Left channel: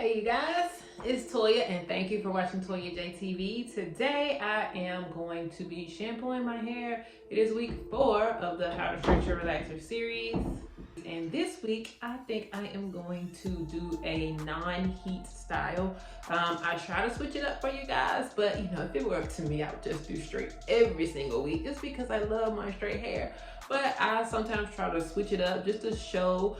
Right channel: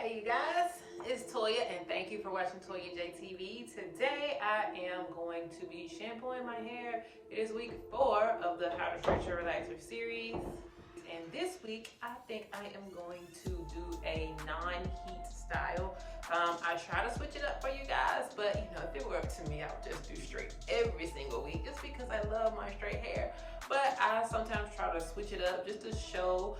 Hey you guys, it's Toya and thank you for watching Toya JTV. Today I am going to be shampooing my hair. It is week 4 of the How to Stretch Your Relaxer series. And this week I think I am going to do a non-heat style. I try to switch it up for you guys, but you know, if it were up to me, I would just do straight every single week just because I love my straight hair. But I sometimes try to switch it up just to show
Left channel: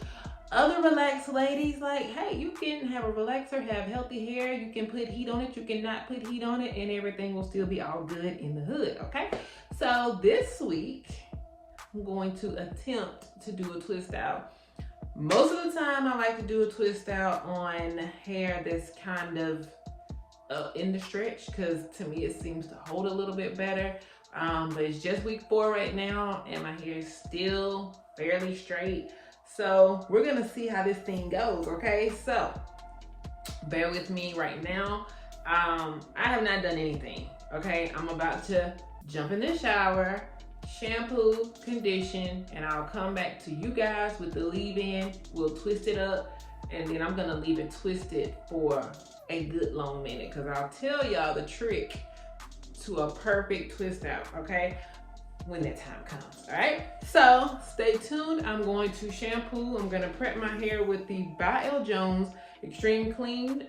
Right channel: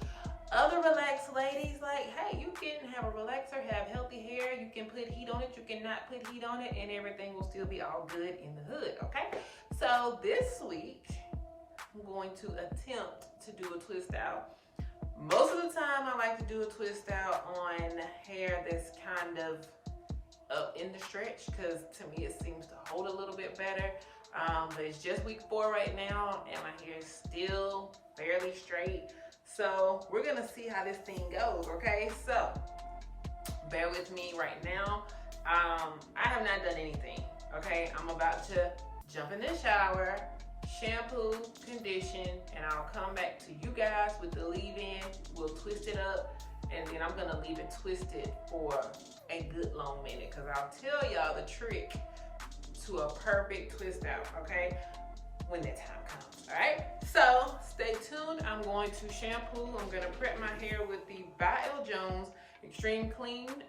other relaxed ladies, like, hey, you can have a relaxer, have healthy hair, you can put heat on it, you can not put heat on it, and everything will still be all good in the hood, okay? So this week, I'm going to attempt to do a twist out. Most of the time, I like to do a twist out on hair that's kind of in the stretch, because to me, it seems to hold a little bit better. But it's just week 4 right now, and my hair is still fairly straight. So we're gonna see how this thing goes, okay? So bear with me right now. I have not done anything, okay? I'm about to jump in the shower, shampoo, condition, and I'll come back to you guys with the leave-in. We'll twist it up, and then I'm gonna leave it twisted for a good long minute, because I'll tell y'all the trick to a perfect twist out, okay? When that time comes, all right? So stay tuned. I'm going to shampoo. I'm gonna prep my hair with the by L. Jones Extreme Clean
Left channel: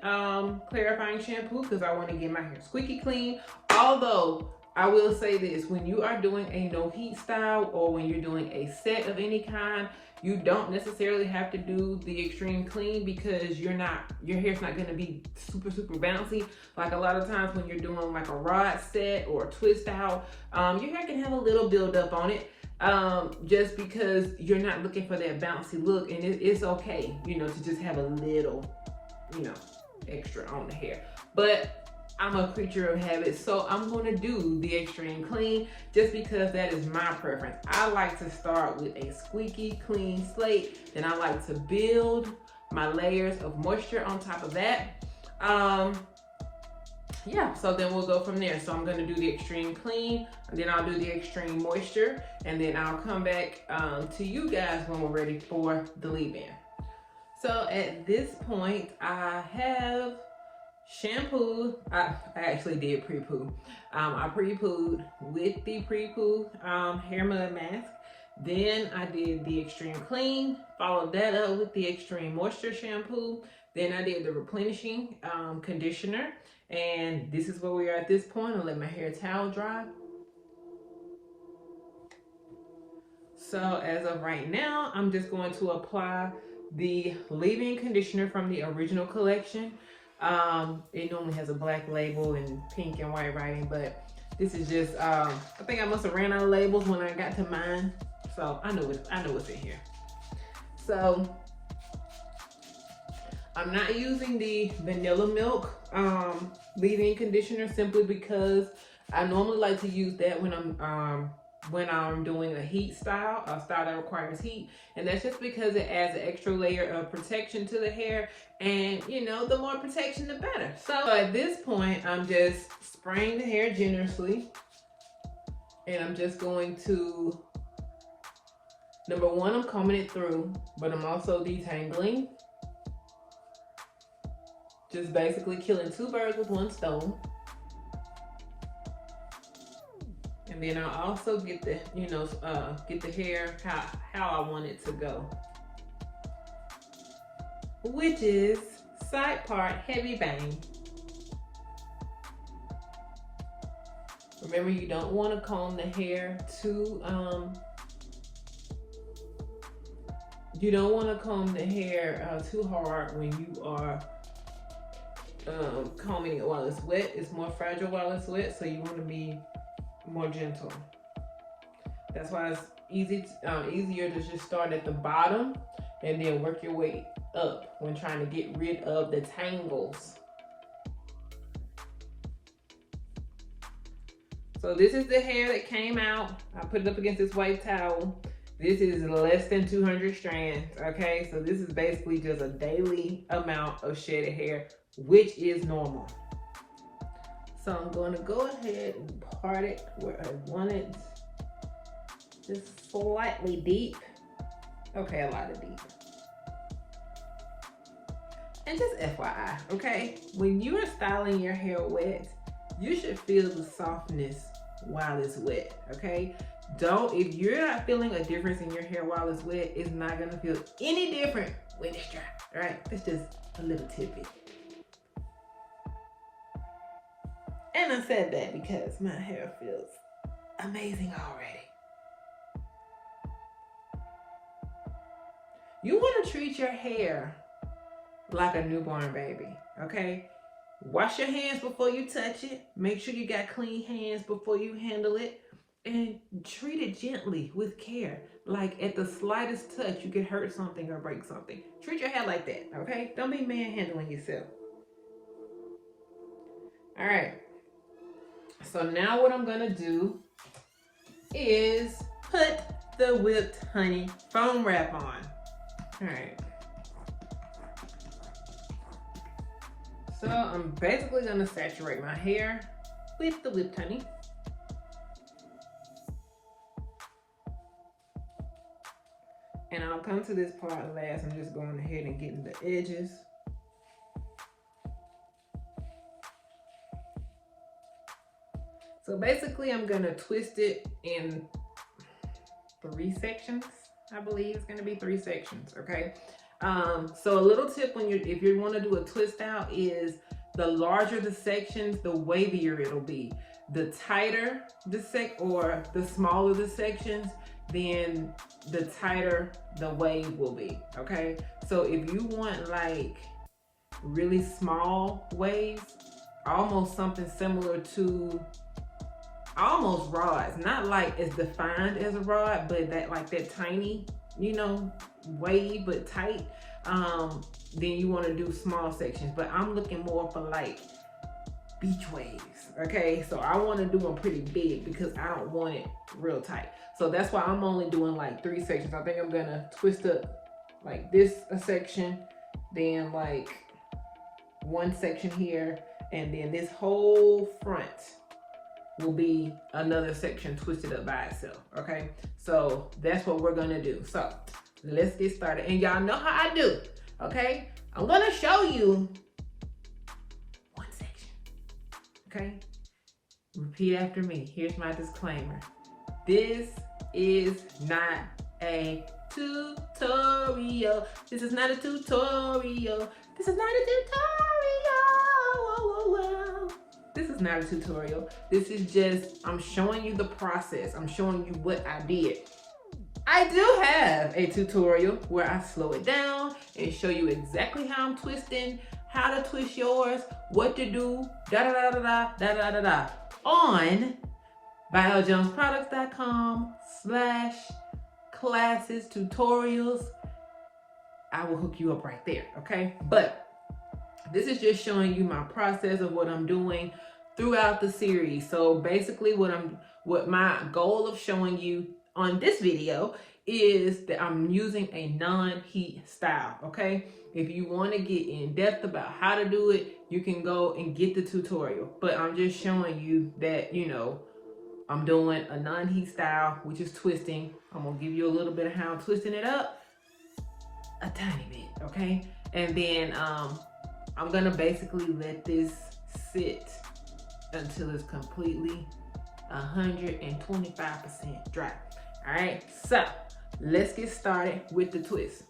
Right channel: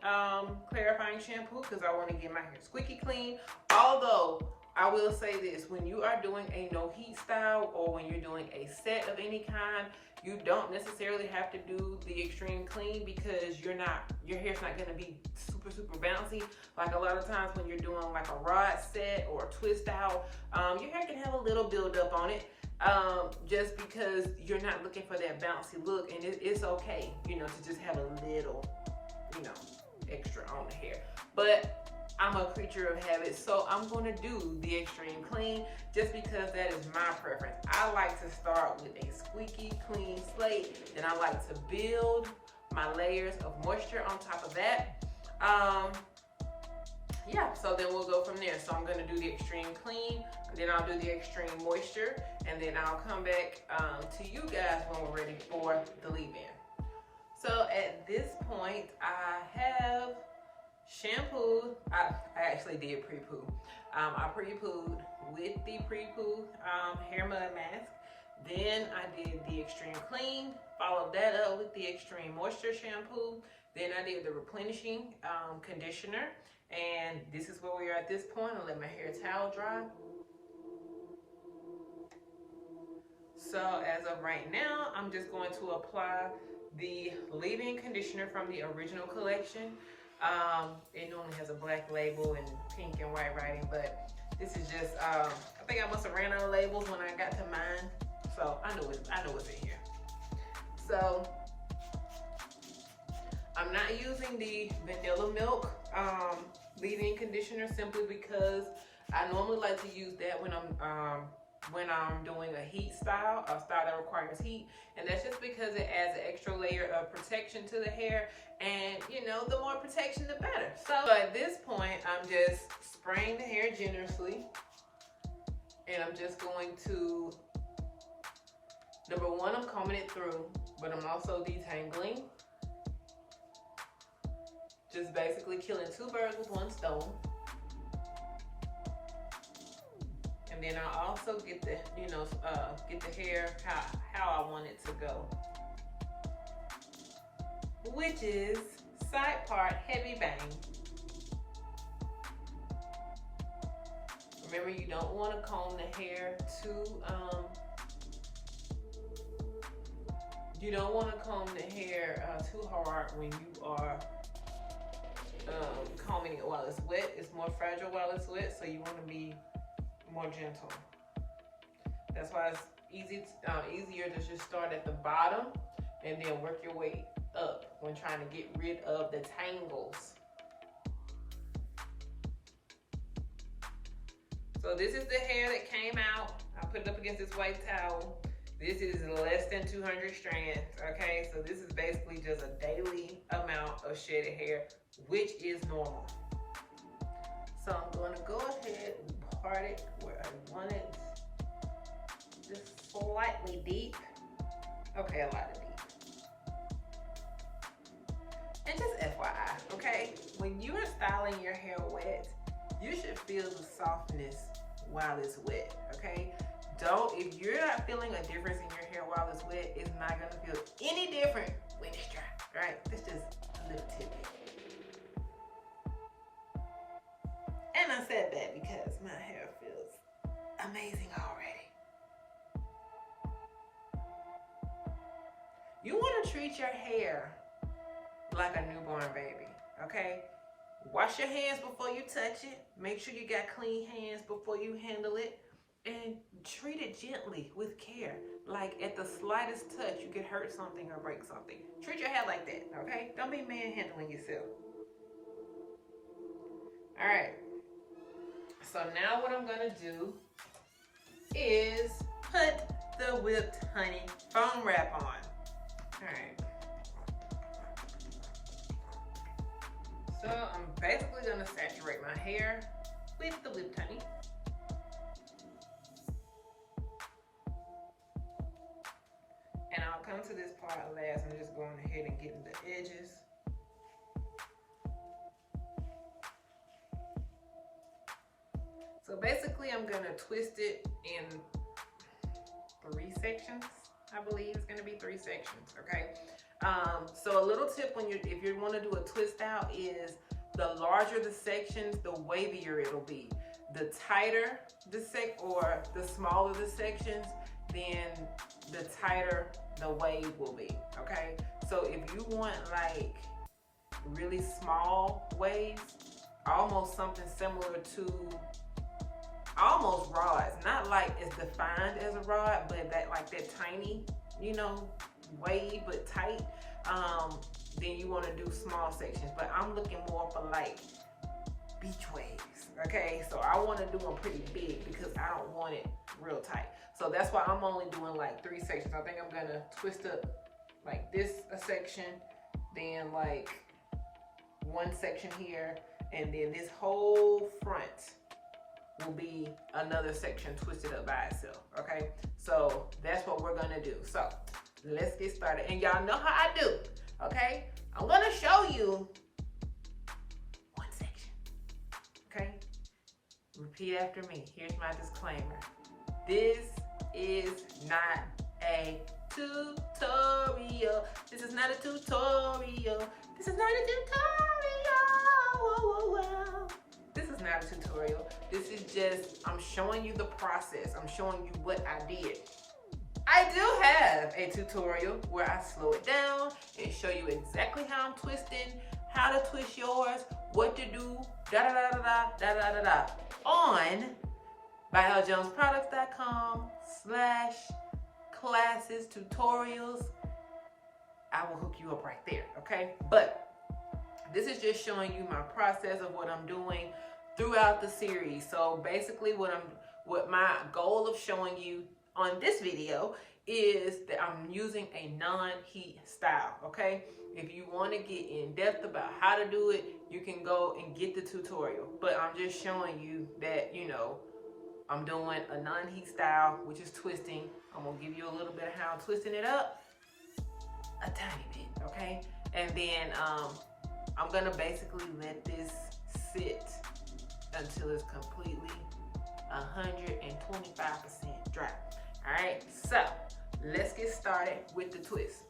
clarifying shampoo, because I want to get my hair squeaky clean. Although I will say this, when you are doing a no heat style or when you're doing a set of any kind, you don't necessarily have to do the extreme clean, because your hair's not gonna be super bouncy. Like a lot of times when you're doing like a rod set or a twist out, your hair can have a little buildup on it, just because you're not looking for that bouncy look, and it's okay, you know, to just have a little, you know, extra on the hair. But I'm a creature of habit, so I'm gonna do the extreme clean just because that is my preference. I like to start with a squeaky clean slate, and I like to build my layers of moisture on top of that. Yeah, so then we'll go from there. So I'm gonna do the extreme clean, and then I'll do the extreme moisture, and then I'll come back to you guys when we're ready for the leave-in. So at this point, I have shampoo. I actually did pre-poo. I pre-pooed with the pre-poo hair mud mask. Then I did the extreme clean, followed that up with the extreme moisture shampoo. Then I did the replenishing conditioner. And this is where we are at this point. I'll let my hair towel dry. So as of right now, I'm just going to apply the leave-in conditioner from the original collection. It normally has a black label and pink and white writing, but this is just, I think I must have ran out of labels when I got to mine. So I know what's in here. So I'm not using the vanilla milk leave-in conditioner, simply because I normally like to use that when I'm doing a heat style, a style that requires heat, and that's just because it adds an extra layer of protection to the hair, and you know, the more protection the better. So at this point, I'm just spraying the hair generously, and I'm just going to, number one, I'm combing it through, but I'm also detangling. Just basically killing 2 birds with 1 stone. And then I'll also get the, you know, get the hair how I want it to go, which is side part heavy bang. Remember, you don't want to comb the hair too, too hard when you are combing it while it's wet. It's more fragile while it's wet, so you want to be more gentle. That's why it's easier to just start at the bottom and then work your way up when trying to get rid of the tangles. So this is the hair that came out. I put it up against this white towel. This is less than 200 strands, okay? So this is basically just a daily amount of shedded hair, which is normal. So I'm going to go ahead and part it where I want it, just slightly deep. Okay, a lot of deep. And just FYI, okay? When you are styling your hair wet, you should feel the softness while it's wet, okay? If you're not feeling a difference in your hair while it's wet, it's not gonna feel any different when it's dry, all right? That's just a little tidbit. And I said that because my hair feels amazing already. You wanna treat your hair like a newborn baby, okay? Wash your hands before you touch it. Make sure you got clean hands before you handle it. And treat it gently with care. Like at the slightest touch, you could hurt something or break something. Treat your hair like that, okay? Don't be manhandling yourself. All right. So now what I'm gonna do is put the whipped honey foam wrap on. All right. So I'm basically gonna saturate my hair with the whipped honey. And I'll come to this part last. I'm just going ahead and getting the edges. So basically I'm gonna twist it in 3 sections. I believe it's gonna be 3 sections, okay? So a little tip if you want to do a twist out is the larger the sections, the wavier it'll be. The tighter the smaller the sections, then the tighter the wave will be, okay? So if you want like really small waves, almost something similar to almost rods, not like as defined as a rod, but that tiny, wave but tight, then you want to do small sections. But I'm looking more for like beach waves, okay? So I want to do them pretty big because I don't want it real tight. So that's why I'm only doing like 3 sections. I think I'm gonna twist up like this a section, then like 1 section here, and then this whole front will be another section twisted up by itself, okay? So that's what we're gonna do. So let's get started. And y'all know how I do, okay? I'm gonna show you 1 section, okay? Repeat after me. Here's my disclaimer. This is not a tutorial. This is not a tutorial. This is not a tutorial. This is not a tutorial. This is just, I'm showing you the process. I'm showing you what I did. I do have a tutorial where I slow it down and show you exactly how I'm twisting, how to twist yours, what to do, on ByLJonesProducts.com/classes tutorials. I will hook you up right there, okay? But this is just showing you my process of what I'm doing throughout the series. So basically what my goal of showing you on this video is that I'm using a non-heat style, okay? If you want to get in depth about how to do it, you can go and get the tutorial. But I'm just showing you that, I'm doing a non-heat style, which is twisting. I'm gonna give you a little bit of how I'm twisting it up, a tiny bit, okay? And then I'm gonna basically let this sit until it's completely 125% dry. All right, so let's get started with the twist.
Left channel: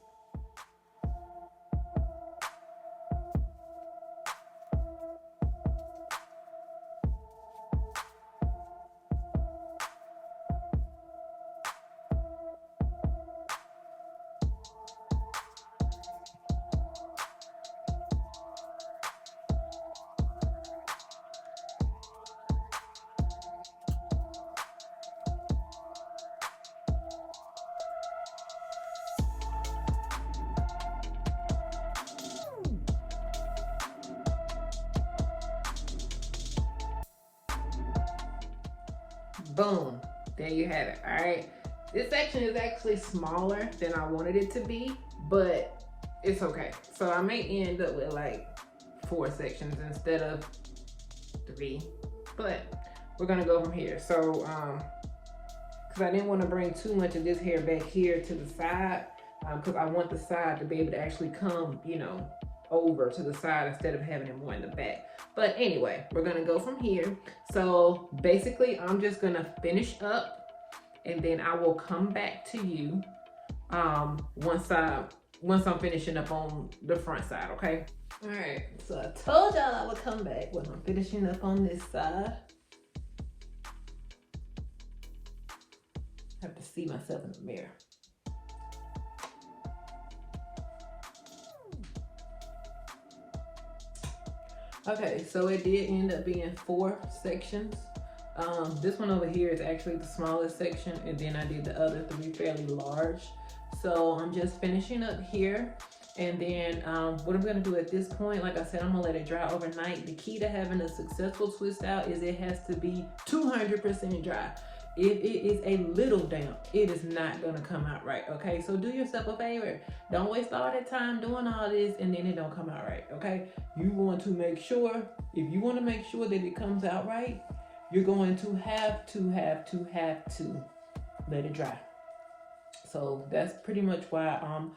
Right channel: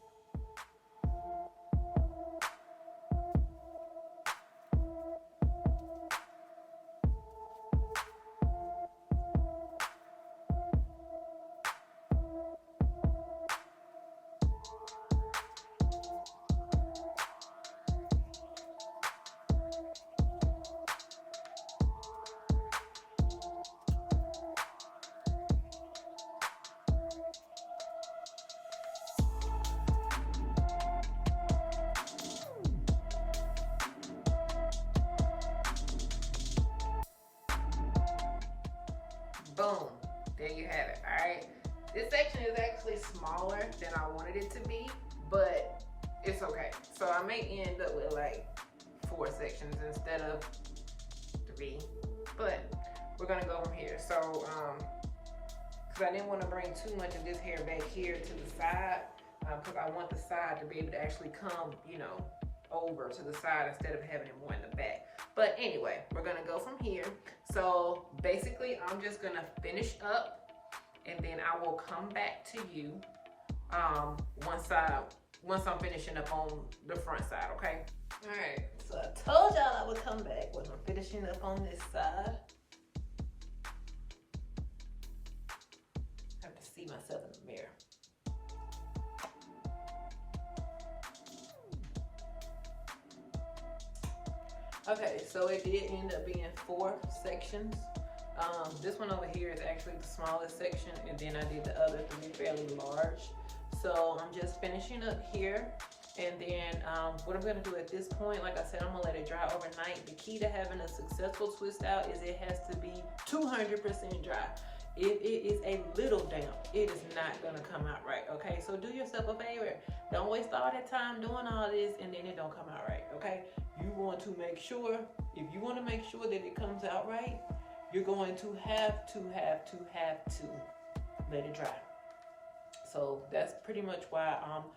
Boom, there you have it. All right, this section is actually smaller than I wanted it to be, but it's okay. So I may end up with like 4 sections instead of 3, but we're gonna go from here. So because I didn't want to bring too much of this hair back here to the side, because I want the side to be able to actually come over to the side instead of having it more in the back. But anyway, we're gonna go from here. So basically I'm just gonna finish up and then I will come back to you once I'm finishing up on the front side, okay? All right, so I told y'all I would come back when I'm finishing up on this side. I have to see myself in the mirror. Okay, so it did end up being 4 sections. This one over here is actually the smallest section, and then I did the other 3 fairly large. So I'm just finishing up here, and then what I'm gonna do at this point, like I said, I'm gonna let it dry overnight. The key to having a successful twist out is it has to be 200% dry. If it is a little damp, it is not gonna come out right, okay? So do yourself a favor. Don't waste all that time doing all this and then it don't come out right, okay? You want to make sure, if you wanna make sure that it comes out right, you're going to have to let it dry. So that's pretty much why I'm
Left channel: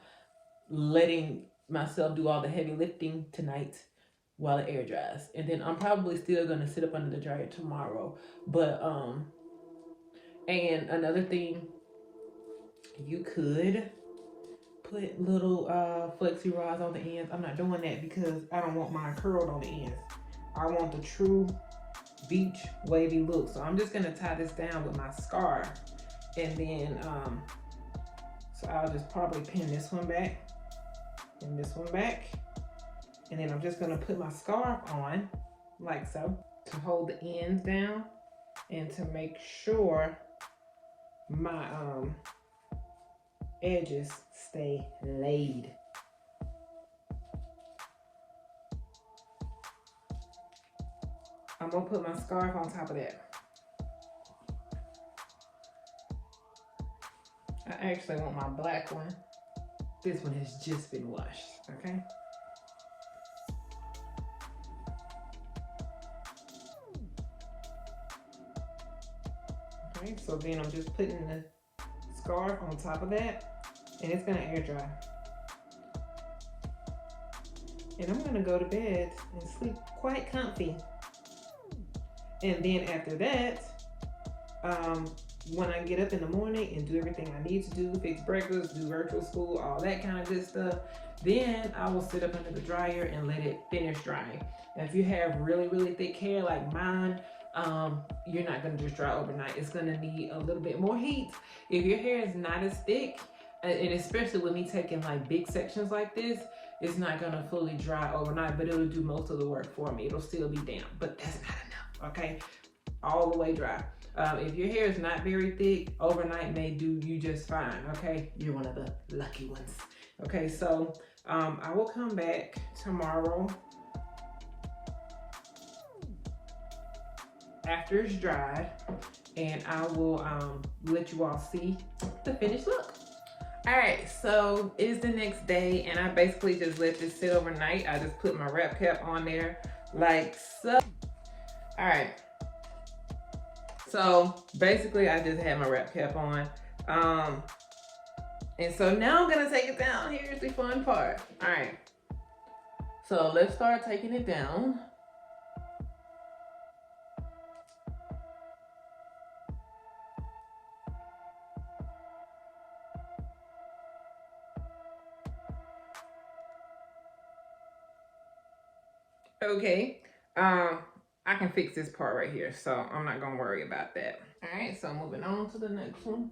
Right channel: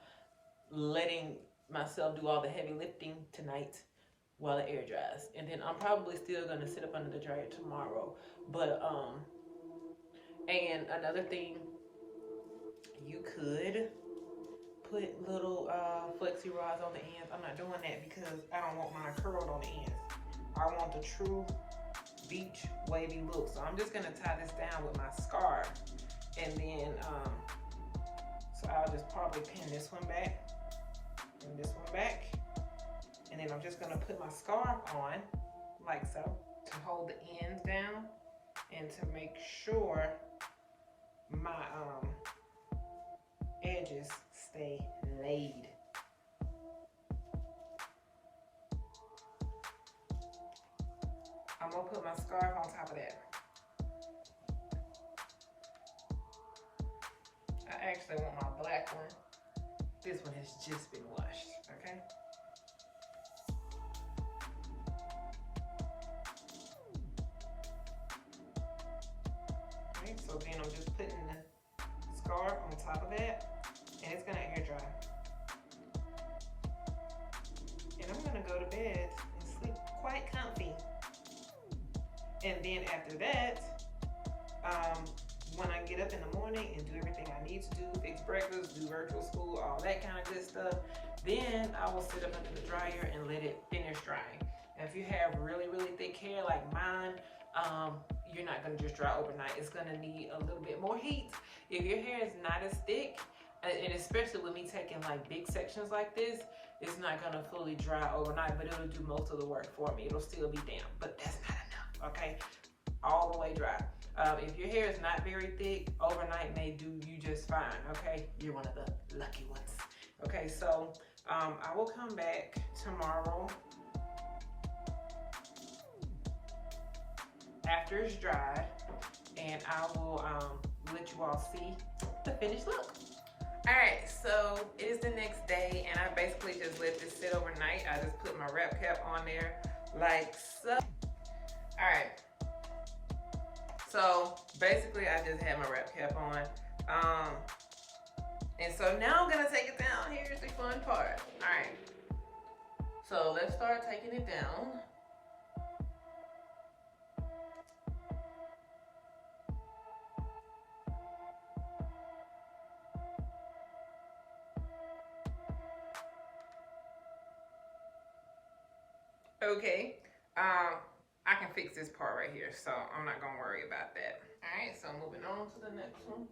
letting myself do all the heavy lifting tonight while the air dries. And then I'm probably still gonna sit up under the dryer tomorrow. But and another thing, you could put little flexi rods on the ends. I'm not doing that because I don't want mine curled on the ends. I want the true beach wavy look. So I'm just gonna tie this down with my scarf, and then so I'll just probably pin this one back and this one back, and then I'm just gonna put my scarf on like so to hold the ends down and to make sure my edges stay laid. I'm gonna put my scarf on top of that. I actually want my black one. This one has just been washed, okay? Okay, so then I'm just putting the scarf on top of that, and it's gonna air dry. And I'm gonna go to bed and sleep quite comfy. And then after that, when I get up in the morning and do everything I need to do, fix breakfast, do virtual school, all that kind of good stuff, then I will sit up under the dryer and let it finish drying. And if you have really, really thick hair like mine, you're not gonna just dry overnight. It's gonna need a little bit more heat. If your hair is not as thick, and especially with me taking like big sections like this, it's not gonna fully dry overnight, but it'll do most of the work for me. It'll still be damp, but that's not enough, okay? All the way dry. If your hair is not very thick, overnight may do you just fine, okay? You're one of the lucky ones. Okay, so I will come back tomorrow after it's dried, and I will let you all see the finished look. All right, so it is the next day, and I basically just let this sit overnight. I just put my wrap cap on there like so. All right. So basically I just had my wrap cap on. And so now I'm gonna take it down. Here's the fun part. All right. So let's start taking it down. Okay. I can fix this part right here, so I'm not gonna worry about that. All right, so moving on to the next one.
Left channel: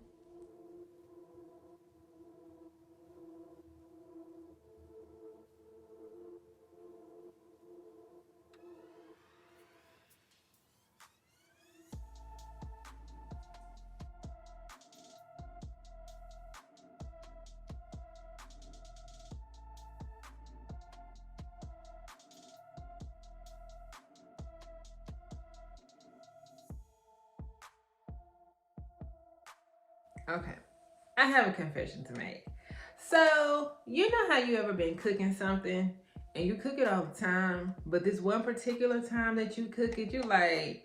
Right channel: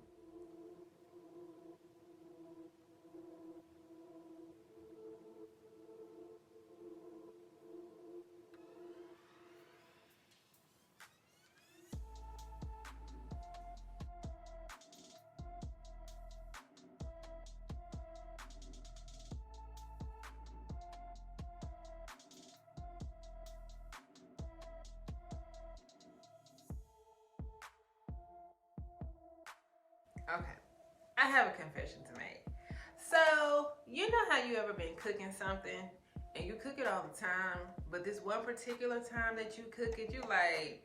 Okay, I have a confession to make. So, you know how you ever been cooking something and you cook it all the time, but this one particular time that you cook it, you like,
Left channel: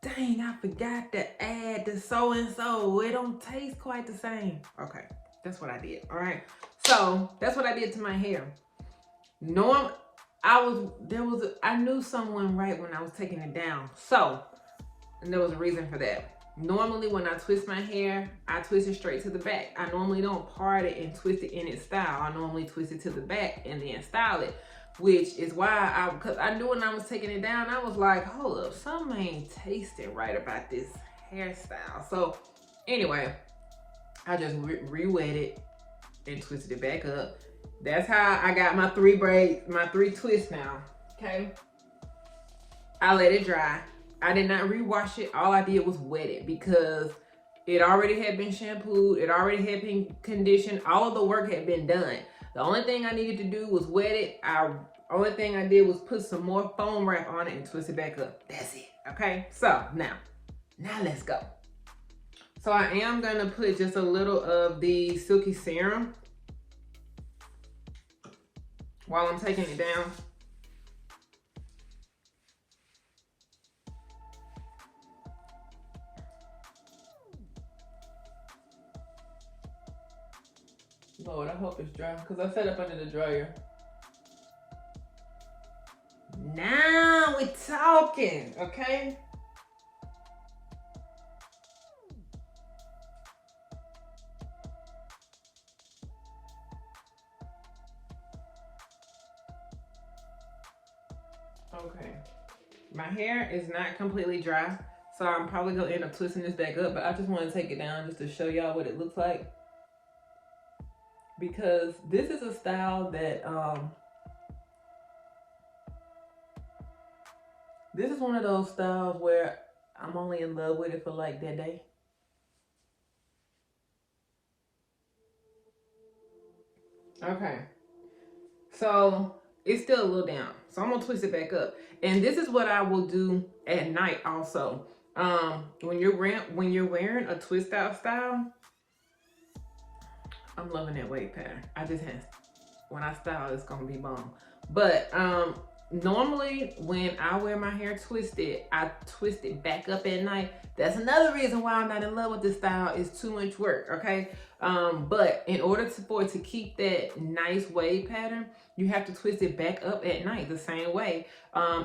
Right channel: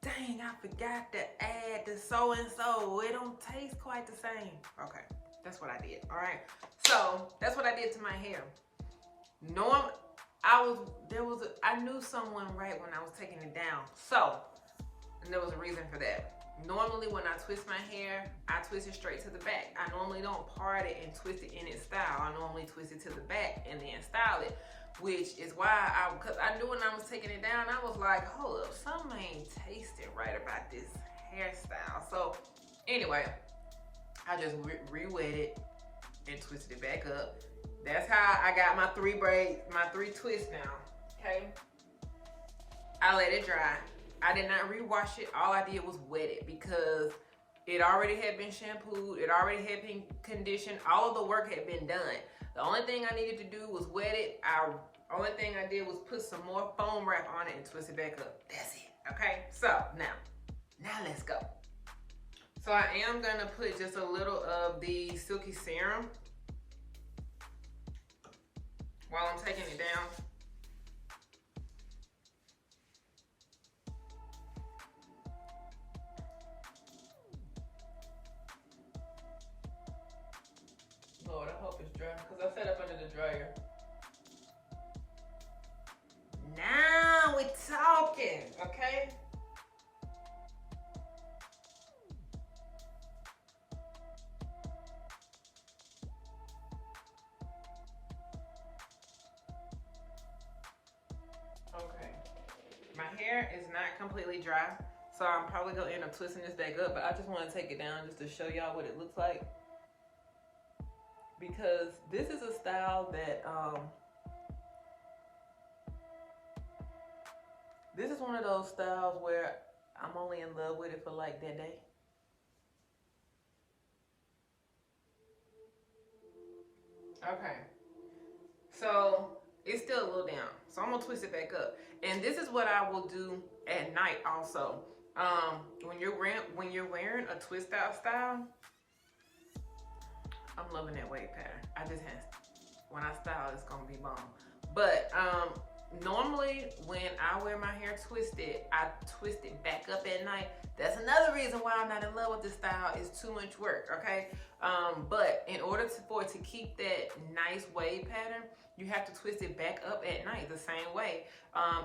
dang, I forgot to add the so-and-so. It don't taste quite the same. Okay, that's what I did, all right? So, that's what I did to my hair. I knew someone right when I was taking it down. So, and there was a reason for that. Normally when I twist my hair, I twist it straight to the back. I normally don't part it and twist it in its style. I normally twist it to the back and then style it, which is why because I knew when I was taking it down, I was like, hold up, something ain't tasting right about this hairstyle. So anyway, I just re-wet it and twisted it back up. That's how I got my 3 braids, my 3 twists now, okay? I let it dry. I did not rewash it. All I did was wet it because it already had been shampooed. It already had been conditioned. All of the work had been done. The only thing I needed to do was wet it. Only thing I did was put some more foam wrap on it and twist it back up. That's it, okay? So now let's go. So I am gonna put just a little of the Silky Serum while I'm taking it down. Lord, I hope it's dry because I set up under the dryer. Now we're talking, okay? Okay. My hair is not completely dry, so I'm probably gonna end up twisting this back up, but I just want to take it down just to show y'all what it looks like. Because this is a style that this is one of those styles where I'm only in love with it for like that day. Okay, so it's still a little down, so I'm gonna twist it back up. And this is what I will do at night also. When you're wearing a twist out style, I'm loving that wave pattern. I just have, when I style, it's gonna be bomb. But normally when I wear my hair twisted, I twist it back up at night. That's another reason why I'm not in love with this style. It's too much work, okay? But in order for it to keep that nice wave pattern, you have to twist it back up at night the same way.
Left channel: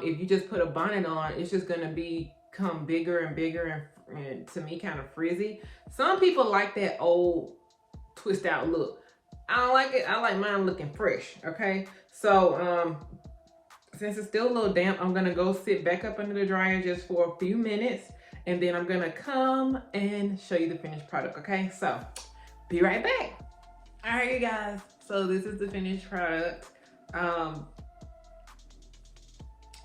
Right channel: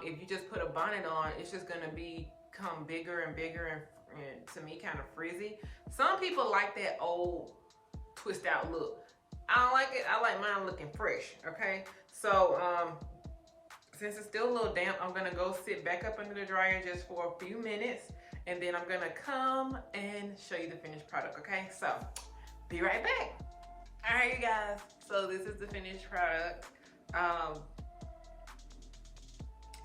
If you just put a bonnet on, it's just gonna become bigger and bigger and to me kind of frizzy. Some people like that old twist out look. I don't like it. I like mine looking fresh, okay? So since it's still a little damp, I'm gonna go sit back up under the dryer just for a few minutes, and then I'm gonna come and show you the finished product, okay? So be right back. All right, you guys, so this is the finished product.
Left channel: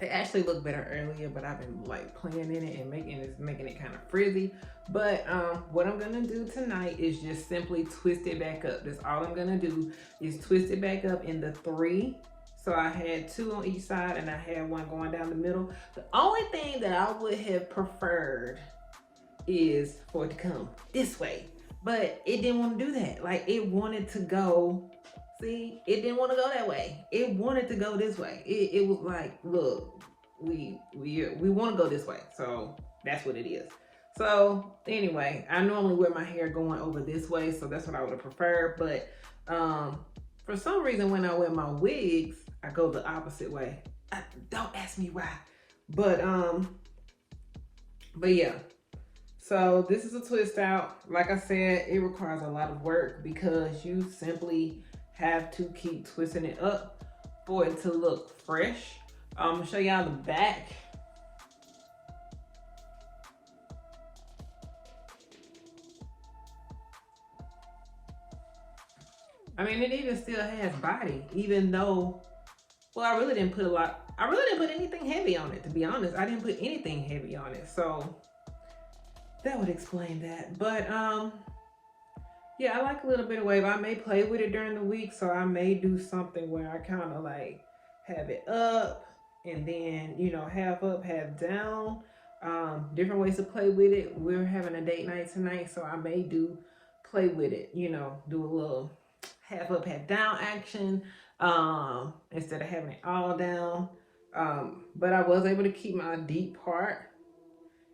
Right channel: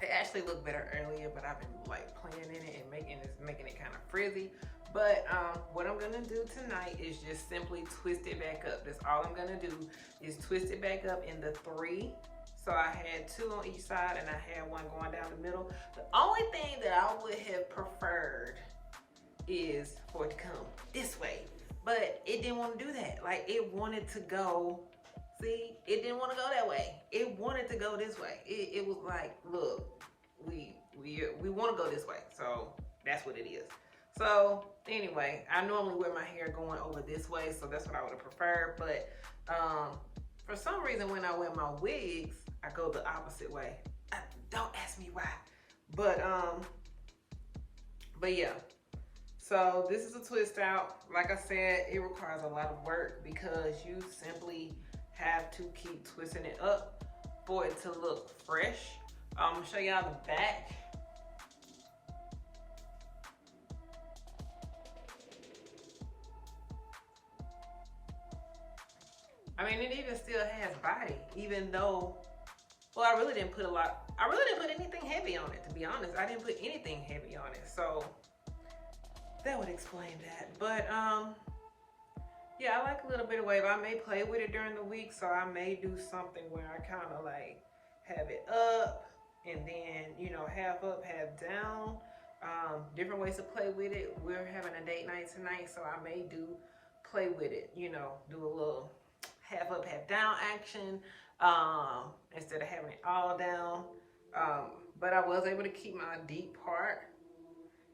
It actually looked better earlier, but I've been like playing in it and making it kind of frizzy. But what I'm gonna do tonight is just simply twist it back up. That's all I'm gonna do is twist it back up in the 3. So I had 2 on each side and I had 1 going down the middle. The only thing that I would have preferred is for it to come this way, but it didn't want to do that. Like it wanted to go, see, it didn't want to go that way. It wanted to go this way. It was like, look, we want to go this way. So that's what it is. So anyway, I normally wear my hair going over this way, so that's what I would have preferred. But for some reason, when I wear my wigs, I go the opposite way. Don't ask me why, but yeah. So this is a twist out. Like I said, it requires a lot of work because you simply have to keep twisting it up for it to look fresh. I'm gonna show y'all the back. I mean, it even still has body, even though, well, I really didn't put anything heavy on it, to be honest. I didn't put anything heavy on it, so that would explain that. But yeah, I like a little bit of wave. I may play with it during the week, so I may do something where I kind of like have it up and then, you know, half up, half down. Different ways to play with it. We're having a date night tonight, so I may play with it, you know, do a little half up, half down action instead of having it all down. But I was able to keep my deep part,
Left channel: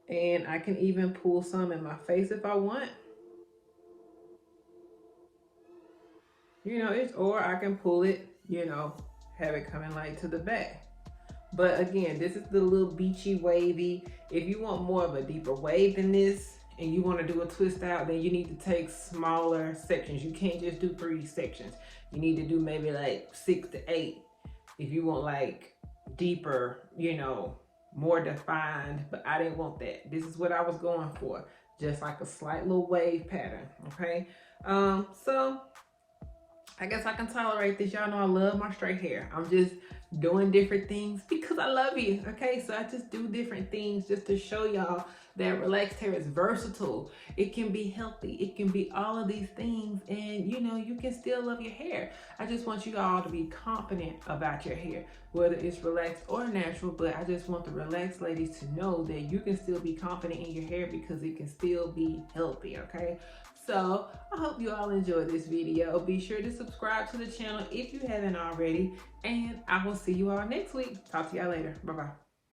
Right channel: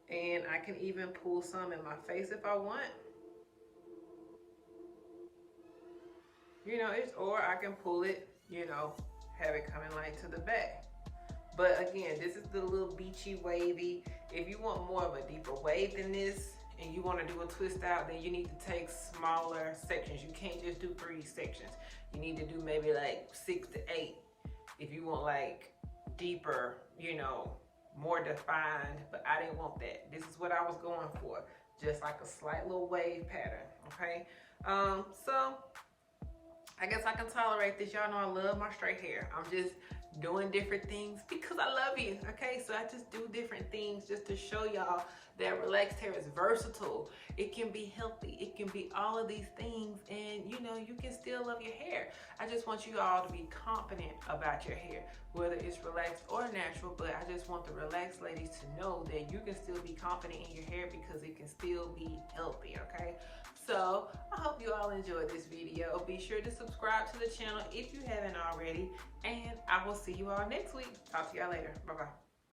and I can even pull some in my face if I want. You know, or I can pull it, you know, have it coming like to the back. But again, this is the little beachy wavy. If you want more of a deeper wave than this and you want to do a twist out, then you need to take smaller sections. You can't just do 3 sections. You need to do maybe like 6 to 8 if you want like deeper, you know, more defined. But I didn't want that. This is what I was going for, just like a slight little wave pattern. Okay, so I guess I can tolerate this. Y'all know I love my straight hair. I'm just doing different things because I love you. Okay, so I just do different things just to show y'all that relaxed hair is versatile. It can be healthy. It can be all of these things, and you know, you can still love your hair. I just want you all to be confident about your hair, whether it's relaxed or natural. But I just want the relaxed ladies to know that you can still be confident in your hair because it can still be healthy. Okay, so I hope you all enjoyed this video. Be sure to subscribe to the channel if you haven't already, and I will see you all next week. Talk to y'all later. Bye bye.